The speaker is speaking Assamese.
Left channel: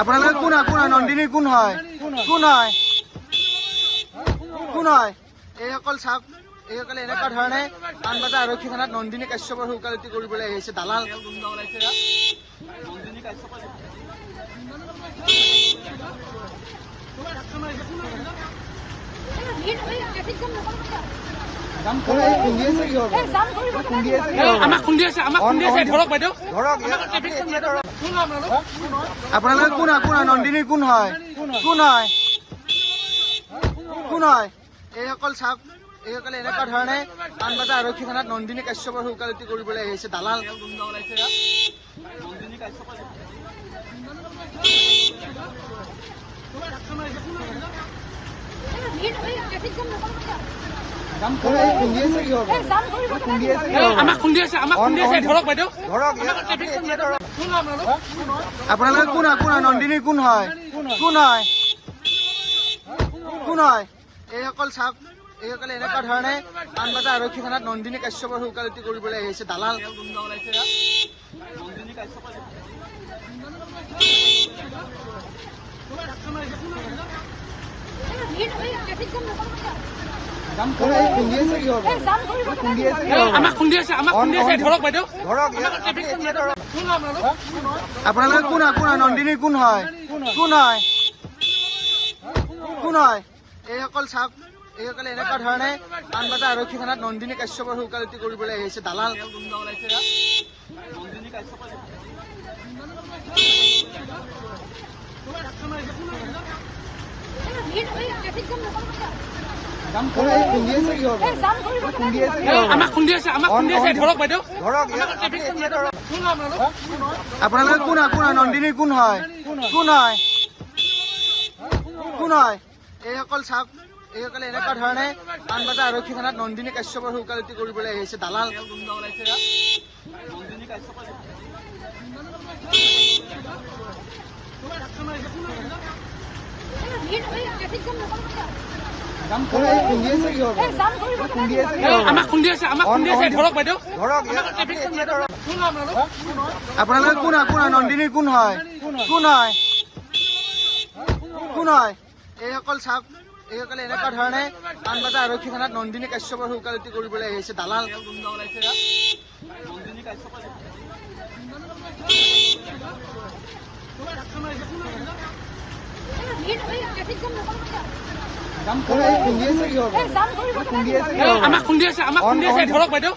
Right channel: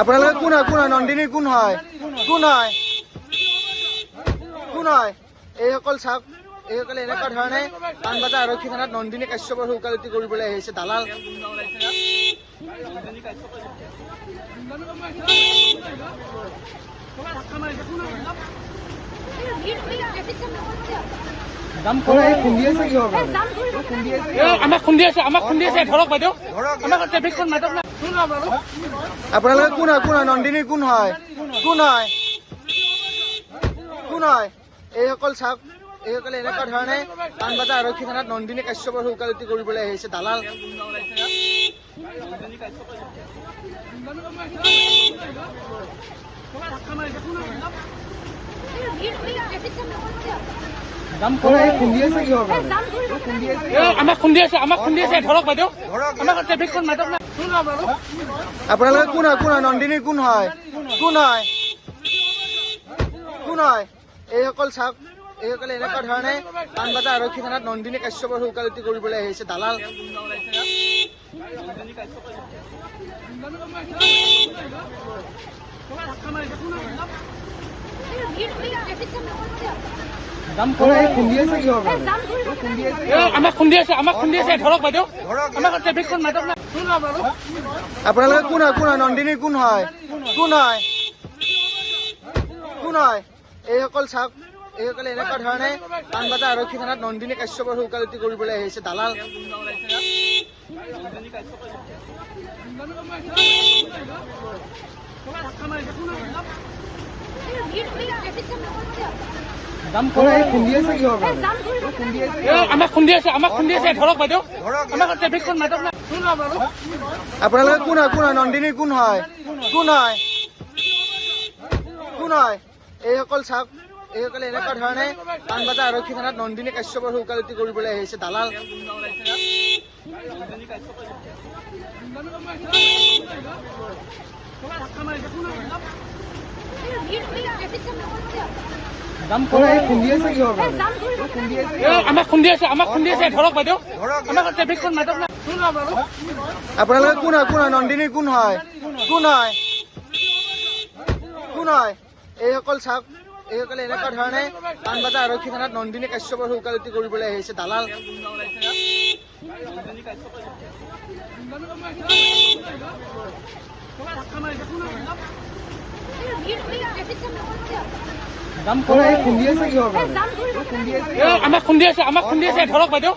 আপোনালোকে কোন হয়? কোন হয়? নন্দিনী কোন হয়? কোন হয়? কোন হয়? এইসকল চাওক, এইসকলে এনেকুৱা ধৰণে পাণবজাৰ আৰক্ষী থানাত নন্দিনী কাশ্যপৰ ওকালতি কৰিবলৈ আহিছে। দালাল আমাক খুন্দি আছে ধৰক বাইদেউ। আপোনালোকে কোন হয়? কোন হয়? নন্দিনী কোন হয়? কোন হয়? কোন হয়? এইসকল চাওক, এইসকলে এনেকুৱা ধৰণে পাণবজাৰ আৰক্ষী থানাত নন্দিনী কাশ্যপৰ ওকালতি কৰিবলৈ আহিছে। দালাল আমাক খুন্দি আছে ধৰক বাইদেউ। আপোনালোকে কোন হয়? কোন হয়? নন্দিনী কোন হয়? কোন হয়? কোন হয়? এইসকল চাওক, এইসকলে এনেকুৱা ধৰণে পাণবজাৰ আৰক্ষী থানাত নন্দিনী কাশ্যপৰ ওকালতি কৰিবলৈ আহিছে। দালাল আমাক খুন্দি আছে ধৰক বাইদেউ। আপোনালোকে কোন হয়? কোন হয়? নন্দিনী কোন হয়? কোন হয়? কোন হয়? এইসকল চাওক, এইসকলে এনেকুৱা ধৰণে পাণবজাৰ আৰক্ষী থানাত নন্দিনী কাশ্যপৰ ওকালতি কৰিবলৈ আহিছে। দালাল আমাক খুন্দি আছে ধৰক বাইদেউ। আপোনালোকে কোন হয়? কোন হয়? নন্দিনী কোন হয়? কোন হয়? কোন হয়? এইসকল চাওক, এইসকলে এনেকুৱা ধৰণে পাণবজাৰ আৰক্ষী থানাত নন্দিনী কাশ্যপৰ ওকালতি কৰিবলৈ আহিছে। দালাল আমাক খুন্দি আছে ধৰক বাইদেউ। আপোনালোকে কোন হয়? কোন হয়? নন্দিনী কোন হয়? কোন হয়? কোন হয়? এইসকল চাওক, এইসকলে এনেকুৱা ধৰণে পাণবজাৰ আৰক্ষী থানাত নন্দিনী কাশ্যপৰ ওকালতি কৰিবলৈ আহিছে। দালাল আমাক খুন্দি আছে ধৰক বাইদেউ।